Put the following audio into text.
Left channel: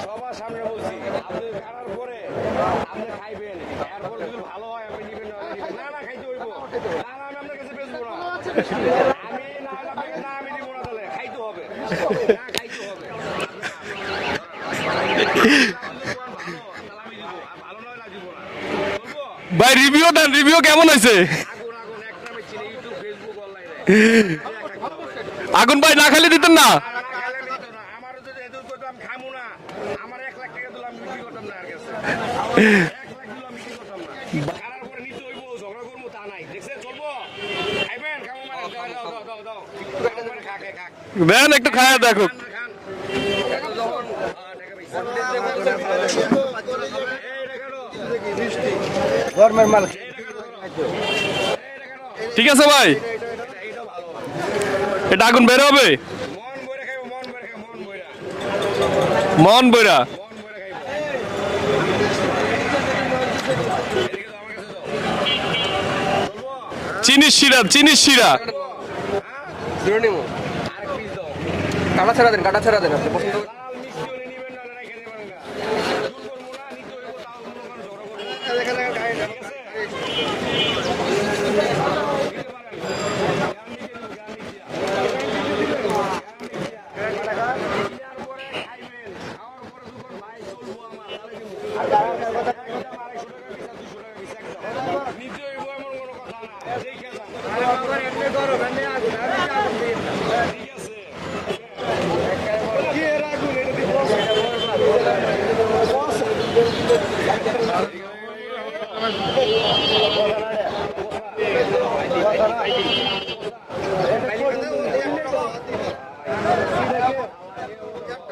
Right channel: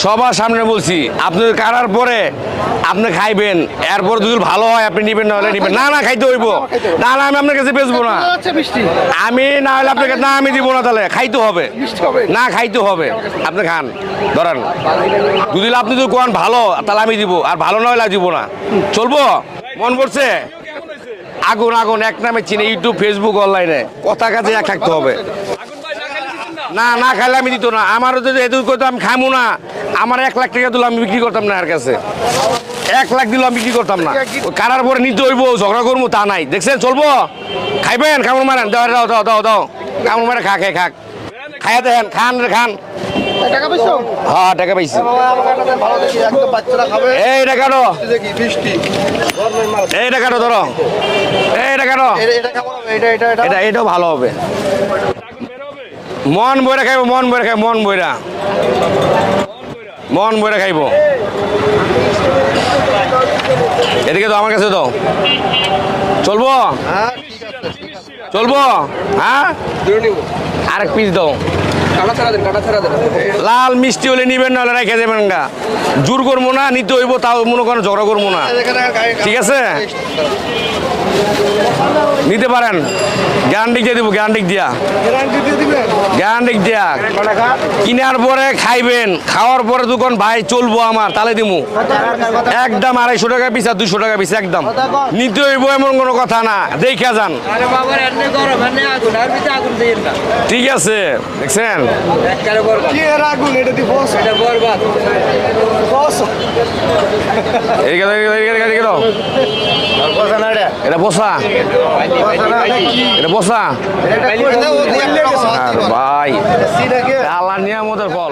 সবার সামনে বলছি আপনি কারার পরে আপনি খাইবেন এরপর যদি ভালো হয় আপনি নিবেন না হলে নিবেন না না খাইতে হইব। না না আমি আপনার কাছে বেচবো না। আচ্ছা আমি না হলে আপনাকে না আমি দিব না তাহলে। খাইতে হবে। না খাইতে হবে। আপনি খান। ধরেন যদি আপনি যদি কোন ভালো তাহলে আমি দিব। আর ভালো না হলে দিব না। চলবো? ভাই রিভিউ কেমন হয়েছে? আগুন আগুন এক নামে চিনে ইউটিউব ফেসবুক অনলাইনে কথা কাছে এক থাকতে হবে। আগুন ভাই না খালি দিতেন না? না না খাইলে আমি দিত না। আমারও যদি এটুকু করতো আমি খামু না। আমার এক লাখ টাকা দিলে আমি বিক্রি করতাম না আর কাছে। এক লাখ দিলে আমি বিক্রি করতাম না। কারার পরে নিতে হইব ঝগড়া করব তা নাই। দেখছেন চলবো? খাইবেন? কামড় মারেন দাও দাও দাও দাও দাও। কামড় মারে খা খাই খাক। খান খান। হ্যাঁ টাকা পাইছি। এই এই টাকা ধরো। এই টাকা ঠিক আছে ভাই। এটা এটা এটা। এটা এটাও ভালো হবে। এটা আগুন বের হবে? মন বইরা খাইবো মন বইরা খাইবো মন বইরা। মন বইরা? মন বইরা খাইবো। এদিকে তো আমার কাছে দাও চলবো? চিনি শিরা চিনি শিরা। চলবো? হ্যাঁ? আরেক পিস দাও। লাল মিষ্টি হলে নিবেন না হলে রেখে দেবেন গা। জোর করব না নিতে হইব তাও মনে করেন ঝগড়া করব না। ঠিক আছে? নিতে পারেন। গ্যারান্টি দিয়ে দিব গ্যারান্টি দিয়া। গ্যারান্টি দিয়া। কিনার পরে খাইবেন খাওয়ার পরে দোকান ভাই চলবো আমার তালে দিমু। একদম আড়াইশো টাকা পিস আর দুশো টাকা পিস একদম। নিতে হইব এমন কোনো কথা না দেখা যান। ঠিক আছে দেখছেন? গরম এনে এটা বসা। এটা বসা। আর ভাই। আল্লাহ নিয়ামতের ফল।